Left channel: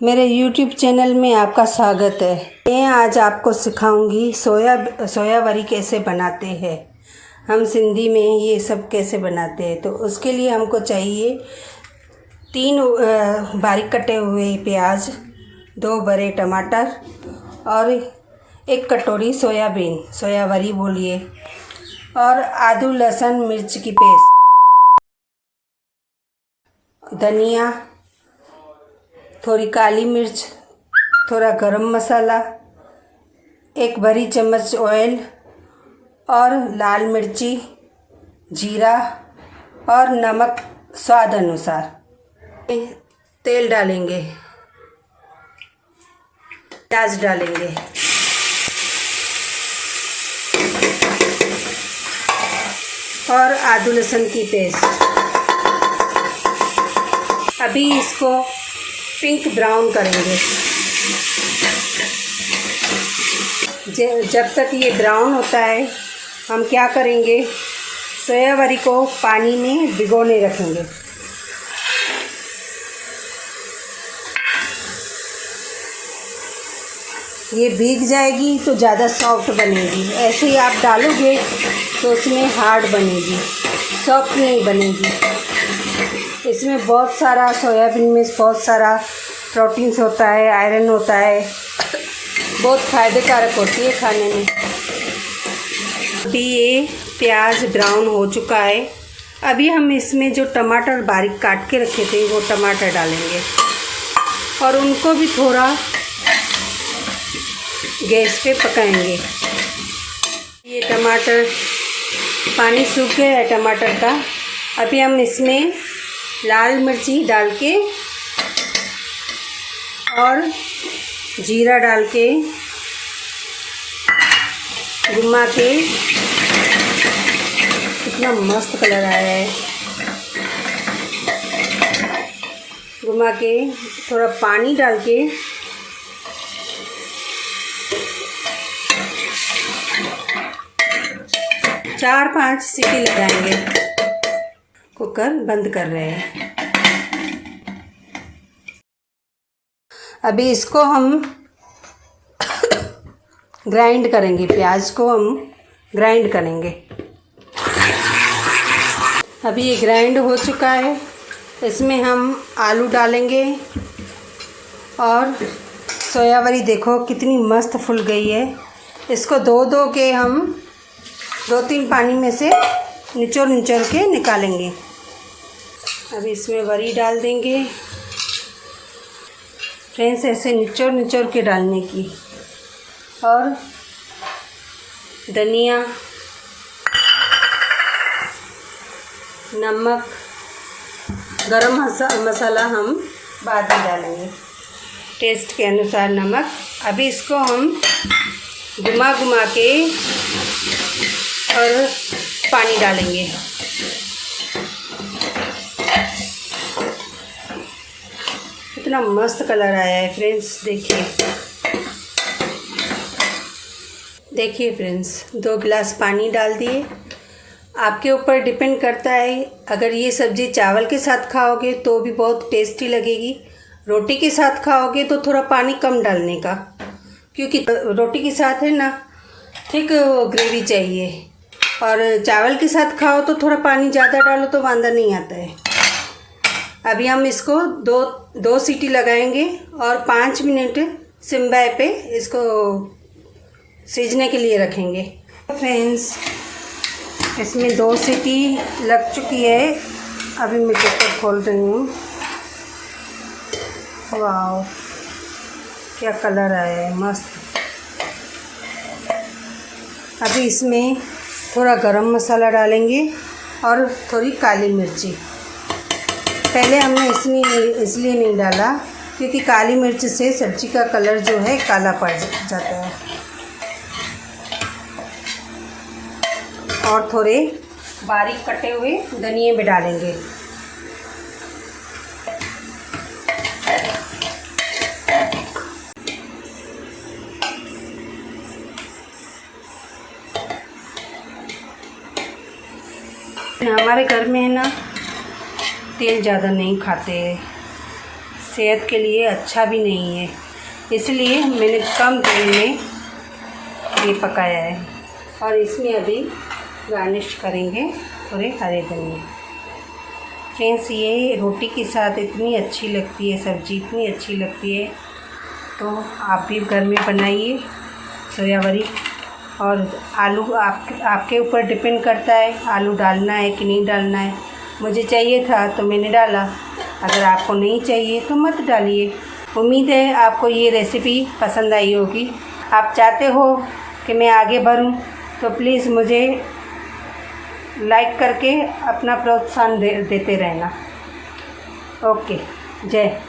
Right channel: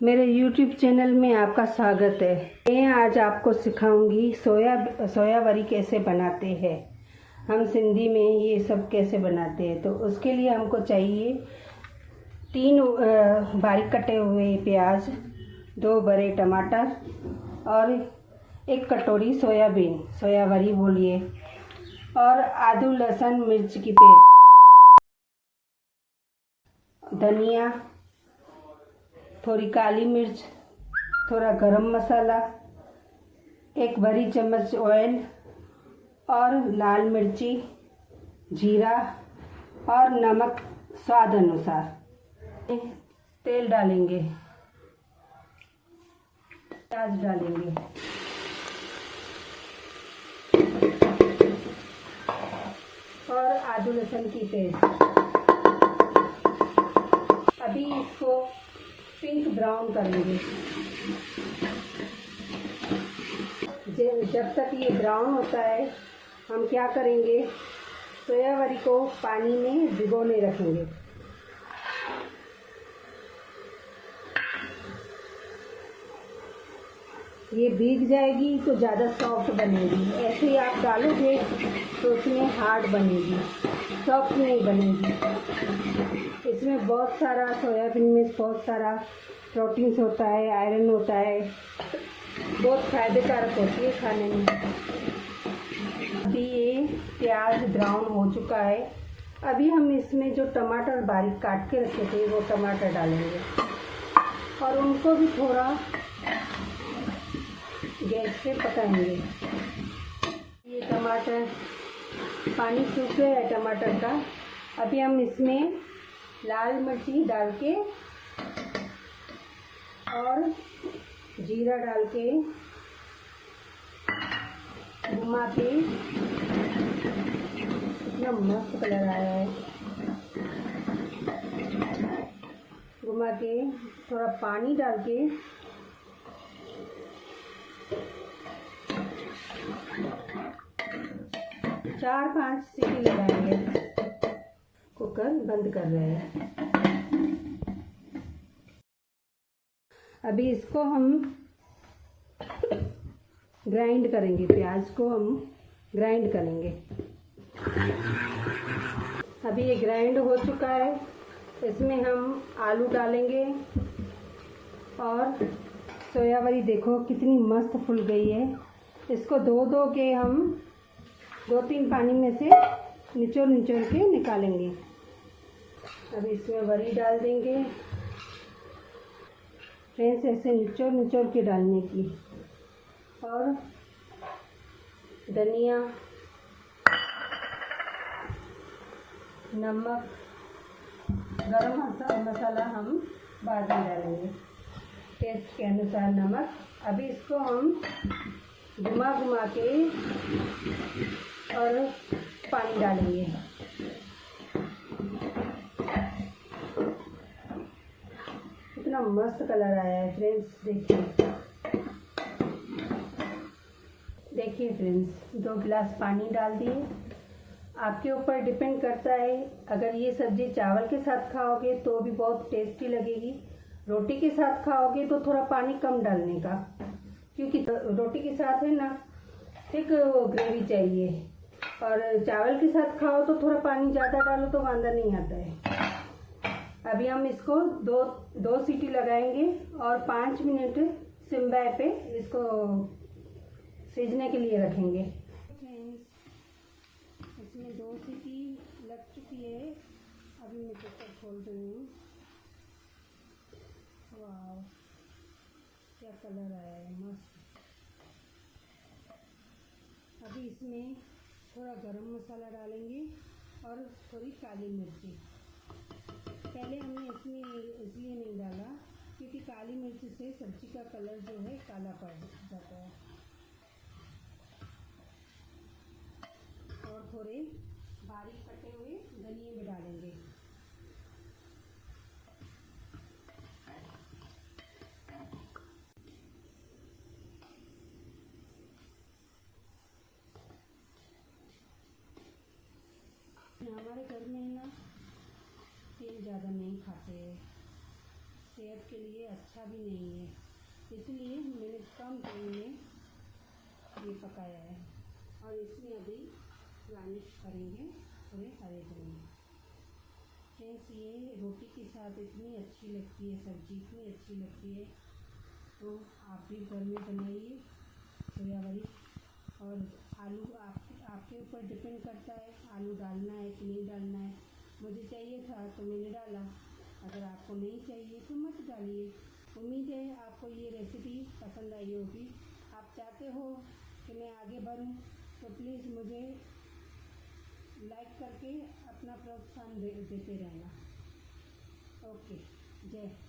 मेरे YouTube channel में आपका स्वागत है। मैं आज आपको सिखाऊंगी सोया वड़ी कैसे बनाते हैं। हम सिंधी में ये सब कैसे बनाते हैं। तो उसके लिए हमको चाहिए 3 बारीक कटे हुए प्याज, 2 बड़े टमाटर और 1 कटोरी सोयाबीन, सोया वड़ी बोलिए, और आदू लहसुन मिर्च की पेस्ट, धनिया, थोड़ी काली मिर्च, थोड़ा गरम मसाला, 1 बड़ी चम्मच ऑयल और लाल मिर्ची, जीरा और नमक स्वाद अनुसार। तेल डालेंगे, प्याज डालेंगे, और आदू लहसुन की पेस्ट। अभी इसको पिंक ब्राउन करेंगे। जब तक ये ब्राउन होता है हम क्या करेंगे, सोया वड़ी को पानी में भिगोने रखेंगे। ये भीग जाएगी तो ज़्यादा सॉफ्ट बनेगी। ऐसे ही आप डालोगे तो उसमें हार्ड बनेगी, सॉफ्ट नहीं बनेगी। इसमें बहुत सारा, सोयाबीन में बहुत सारा प्रोटीन्स होता है, आयरन होता है, बहुत फ़ायदेकारक होती है खाने में। अभी ये प्याज ब्राउन हो चुका है। अभी हम इसमें जो टमाटर बारीक काट के रखे थे वो टमाटर डालेंगे और उनको भी थोड़ा गैस पे पकाएंगे। ये टमाटर, पानी सूख गया है टमाटर का। अभी हम इसमें लाल मिर्ची डाल के और जीरा डाल के घुमा के, कितना मस्त कलर आया है, घुमा के थोड़ा पानी डाल के चार 5 सीटी लगाएंगे। कुकर बंद कर रहे हैं। अभी इसको हम ग्राइंड करेंगे, प्याज को हम ग्राइंड करेंगे। अभी ये ग्राइंड हो चुका है। इसमें हम आलू डालेंगे और सोया वड़ी देखो कितनी मस्त फूल गई है। इसको धो के हम 2-3 पानी में से निचोड़ के निकालेंगे। अभी इसमें वड़ी डाल देंगे। फ्रेंड्स, ऐसे निचोड़ के डालने की, और धनिया, नमक, गरम मसाला हम बाद में डालेंगे, टेस्ट के अनुसार नमक। अभी इसको हम घुमा के और पानी डालेंगे। कितना मस्त कलर आया है फ्रेंड्स, देखिए फ्रेंड्स, 2 गिलास पानी डाल दिए। आपके ऊपर डिपेंड करता है। अगर ये सब्ज़ी चावल के साथ खाओगे तो भी बहुत टेस्टी लगेगी। रोटी के साथ खाओगे तो थोड़ा पानी कम डालने का, क्योंकि रोटी के साथ है ना थिक ग्रेवी चाहिए, और चावल के साथ खाओ तो थोड़ा पानी ज़्यादा डालो तो वांदा नहीं आता है। अभी हम इसको 2 सीटी लगाएंगे और 5 मिनट सिम पे इसको सीजने के लिए रखेंगे। फ्रेंड्स, इसमें 2 सीटी लग चुकी है। अभी मैं कुकर खोल रही हूँ। वाह, क्या कलर आया है, मस्त। अभी इसमें थोड़ा गरम मसाला डालेंगे और थोड़ी काली मिर्ची। पहले हमने इसलिए नहीं डाला क्योंकि काली मिर्च से सब्ज़ी का कलर जो है काला पड़ जाता है। और थोड़े बारीक कटे हुए धनिए भी डालेंगे। हमारे घर में है ना तेल ज़्यादा नहीं खाते, सेहत के लिए अच्छा भी नहीं है, इसलिए मैंने कम तेल में ये पकाया है। और इसमें अभी गार्निश करेंगे थोड़े हरे धनिया। फ्रेंड्स, ये रोटी के साथ इतनी अच्छी लगती है, सब्ज़ी इतनी अच्छी लगती है, तो आप भी घर में बनाइए सोया वड़ी। और आलू आपके ऊपर डिपेंड करता है आलू डालना है कि नहीं डालना है। मुझे चाहिए था तो मैंने डाला, अगर आपको नहीं चाहिए तो मत डालिए। उम्मीद है आपको ये रेसिपी पसंद आई होगी। आप चाहते हो कि मैं आगे बढ़ूं तो प्लीज़ मुझे लाइक करके अपना प्रोत्साहन देते रहना। ओके, जय